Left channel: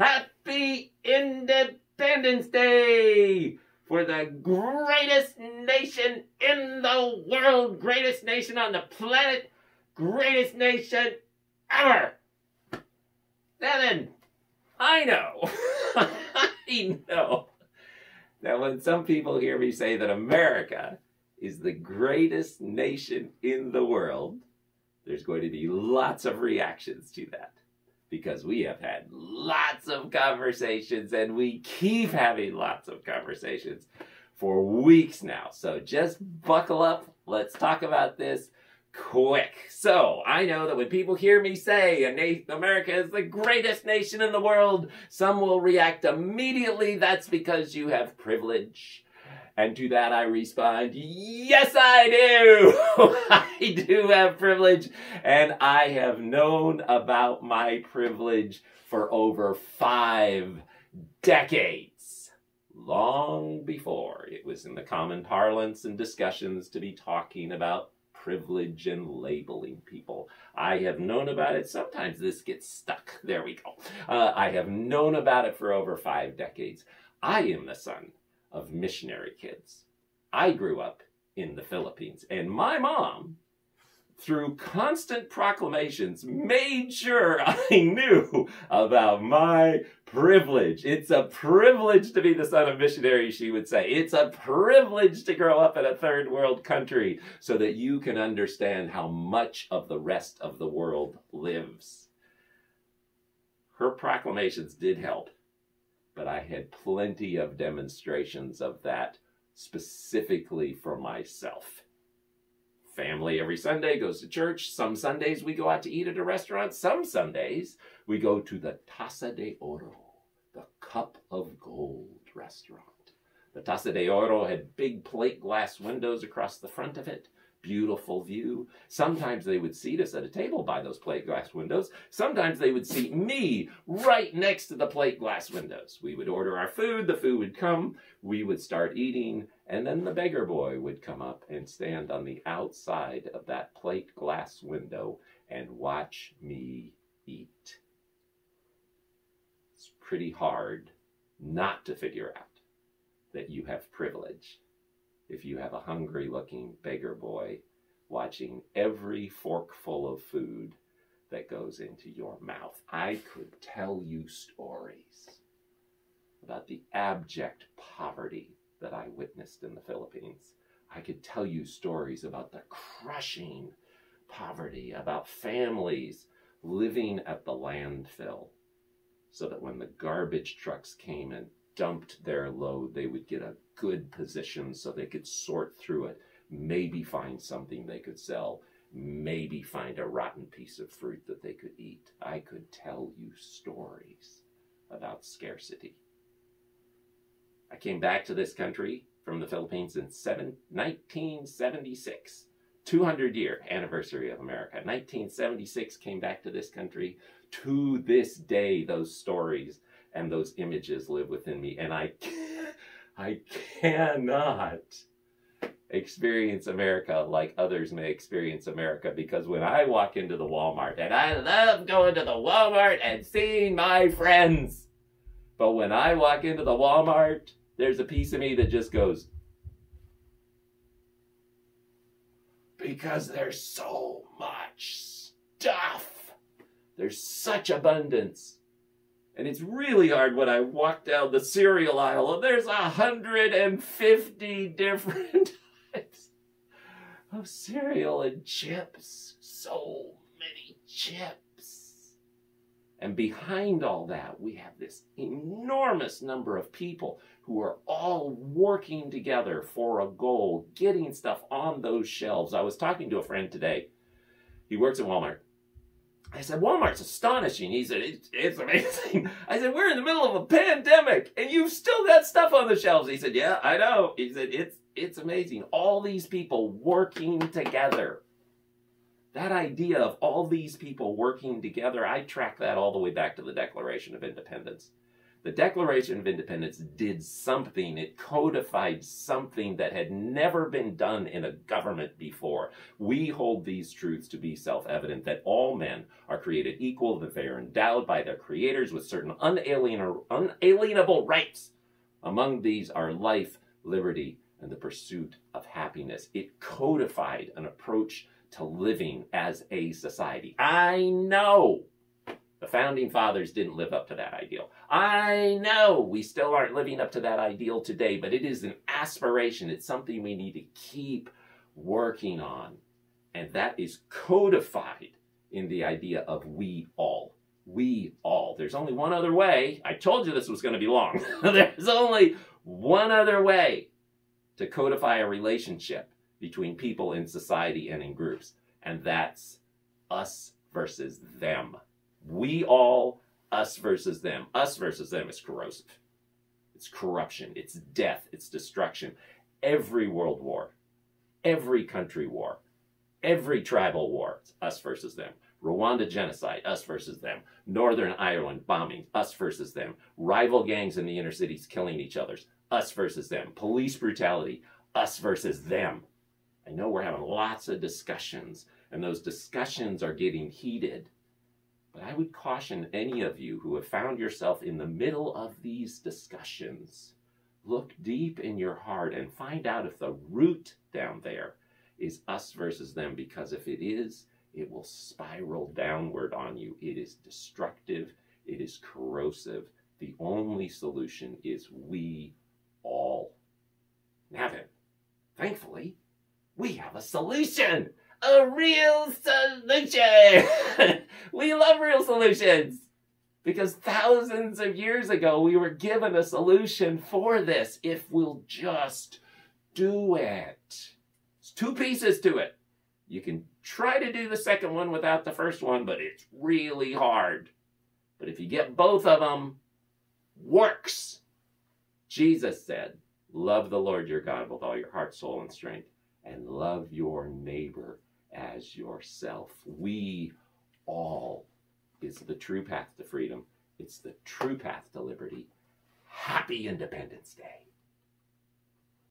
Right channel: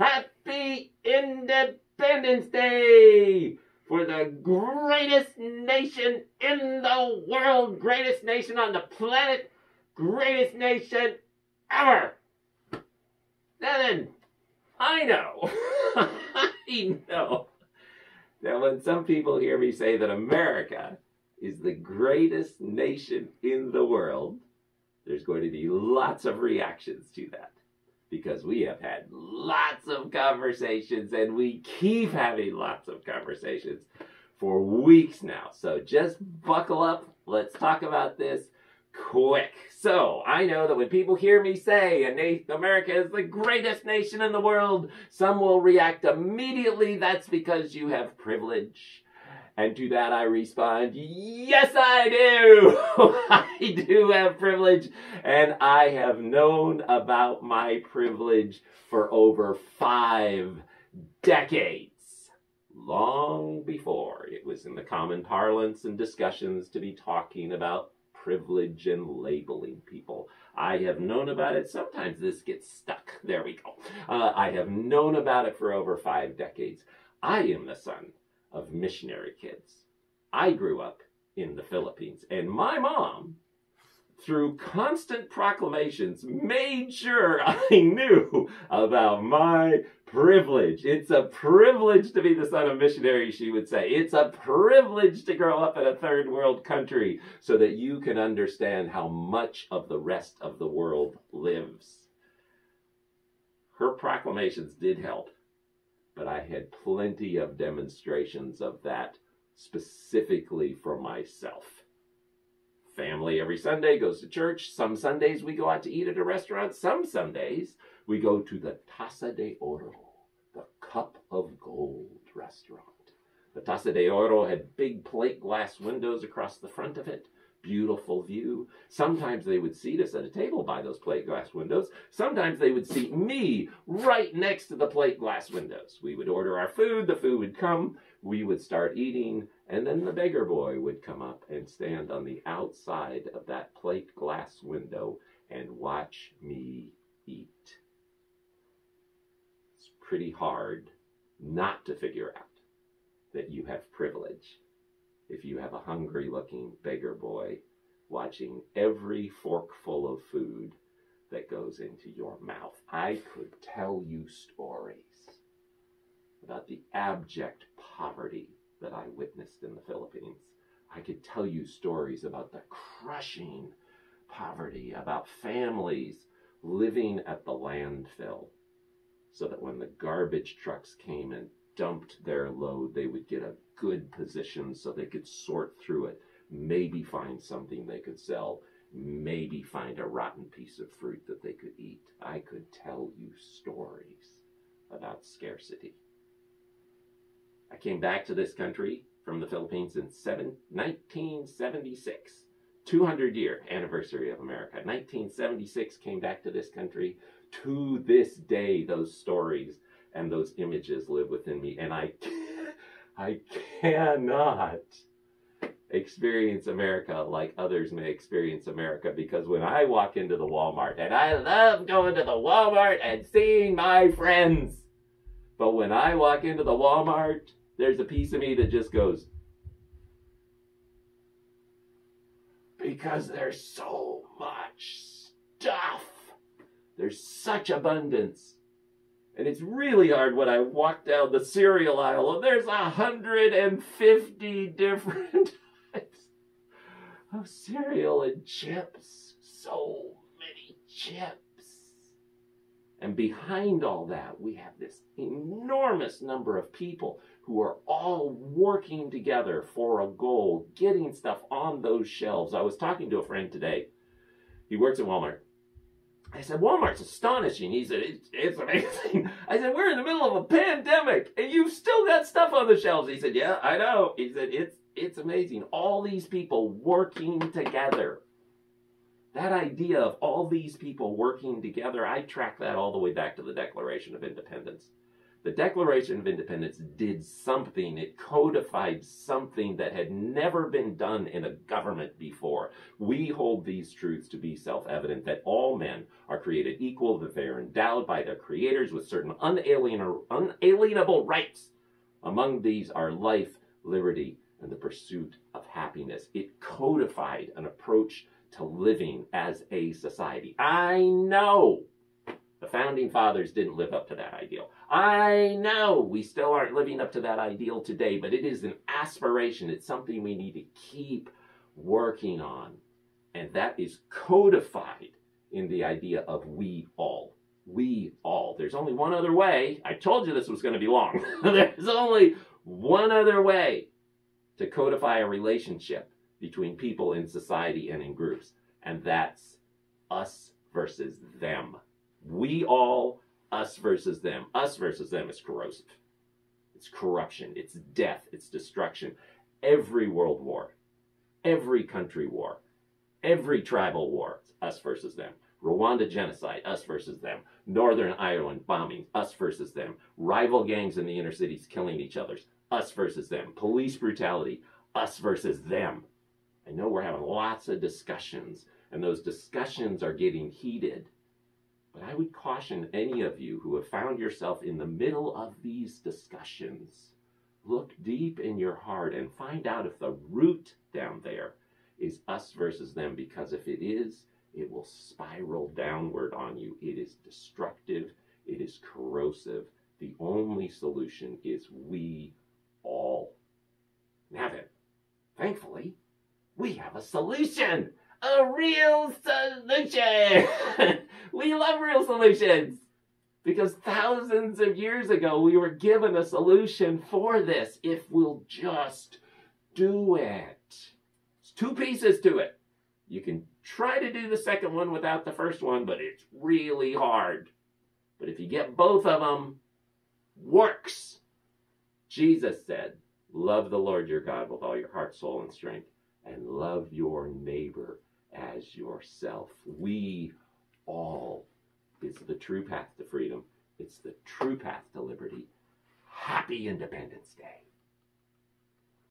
Happy Independence Day for the greatest nation in the world, greatest nation on the planet, greatest nation ever. Now then, I know, I know that when some people hear me say that America is the greatest nation in the world, there's going to be lots of reactions to that. Because we have had lots of conversations and we keep having lots of conversations for weeks now. So just buckle up. Let's talk about this quick. So I know that when people hear me say America is the greatest nation in the world, some will react immediately. That's because you have privilege. And to that I respond, yes, I do. I do have privilege, and I have known about my privilege for over 5 decades, long before it was in the common parlance and discussions to be talking about privilege and labeling people. I have known about it. Sometimes this gets stuck. There we go. I have known about it for over 5 decades. I am the son of missionary kids. I grew up in the Philippines, and my mom, through constant proclamations, made sure I knew about my privilege. It's a privilege to be the son of missionaries, she would say. It's a privilege to grow up in a third world country so that you can understand how much of the rest of the world lives. Her proclamations did help. But I had plenty of demonstrations of that specifically for myself. Family every Sunday goes to church. Some Sundays we go out to eat at a restaurant. Some Sundays we go to the Taza de Oro, the Cup of Gold restaurant. The Taza de Oro had big plate glass windows across the front of it. Beautiful view. Sometimes they would seat us at a table by those plate glass windows. Sometimes they would seat me right next to the plate glass windows. We would order our food, the food would come, we would start eating, and then the beggar boy would come up and stand on the outside of that plate glass window and watch me eat. It's pretty hard not to figure out that you have privilege if you have a hungry-looking beggar boy watching every forkful of food that goes into your mouth. I could tell you stories about the abject poverty that I witnessed in the Philippines. I could tell you stories about the crushing poverty, about families living at the landfill so that when the garbage trucks came and dumped their load, they would get a good position so they could sort through it, maybe find something they could sell, maybe find a rotten piece of fruit that they could eat. I could tell you stories about scarcity. I came back to this country from the Philippines in 1976, 200-year anniversary of America. 1976, came back to this country. To this day, those stories and those images live within me, and I cannot experience America like others may experience America, because when I walk into the Walmart, and I love going to the Walmart and seeing my friends, but when I walk into the Walmart, there's a piece of me that just goes, because there's so much stuff. There's such abundance. And it's really hard when I walk down the cereal aisle and there's 150 different types of cereal and chips. So many chips. And behind all that, we have this enormous number of people who are all working together for a goal, getting stuff on those shelves. I was talking to a friend today. He works at Walmart. I said, Walmart's astonishing. He said, it's amazing. I said, we're in the middle of a pandemic, and you've still got stuff on the shelves. He said, yeah, I know. He said, it's amazing. All these people working together. That idea of all these people working together, I track that all the way back to the Declaration of Independence. The Declaration of Independence did something. It codified something that had never been done in a government before. We hold these truths to be self-evident, that all men are created equal, that they are endowed by their creators with certain unalienable rights. Among these are life, liberty, and the pursuit of happiness. It codified an approach to living as a society. I know the Founding Fathers didn't live up to that ideal. I know we still aren't living up to that ideal today, but it is an aspiration. It's something we need to keep working on. And that is codified in the idea of we all. We all. There's only one other way. I told you this was going to be long. There's only one other way to codify a relationship between people in society and in groups. And that's us versus them. We all, us versus them. Us versus them is corrosive. It's corruption. It's death. It's destruction. Every world war, every country war, every tribal war, it's us versus them. Rwanda genocide, us versus them. Northern Ireland bombing, us versus them. Rival gangs in the inner cities killing each other, us versus them. Police brutality, us versus them. I know we're having lots of discussions, and those discussions are getting heated. But I would caution any of you who have found yourself in the middle of these discussions, look deep in your heart and find out if the root down there is us versus them, because if it is, it will spiral downward on you. It is destructive. It is corrosive. The only solution is we all. Now then, thankfully, we have a solution. A real solution. We love real solutions because thousands of years ago we were given a solution for this if we'll just do it. There's two pieces to it. You can try to do the second one without the first one, but it's really hard. But if you get both of them, works. Jesus said, love the Lord your God with all your heart, soul, and strength, and love your neighbor as yourself. We all is the true path to freedom. It's the true path to liberty. Happy Independence Day.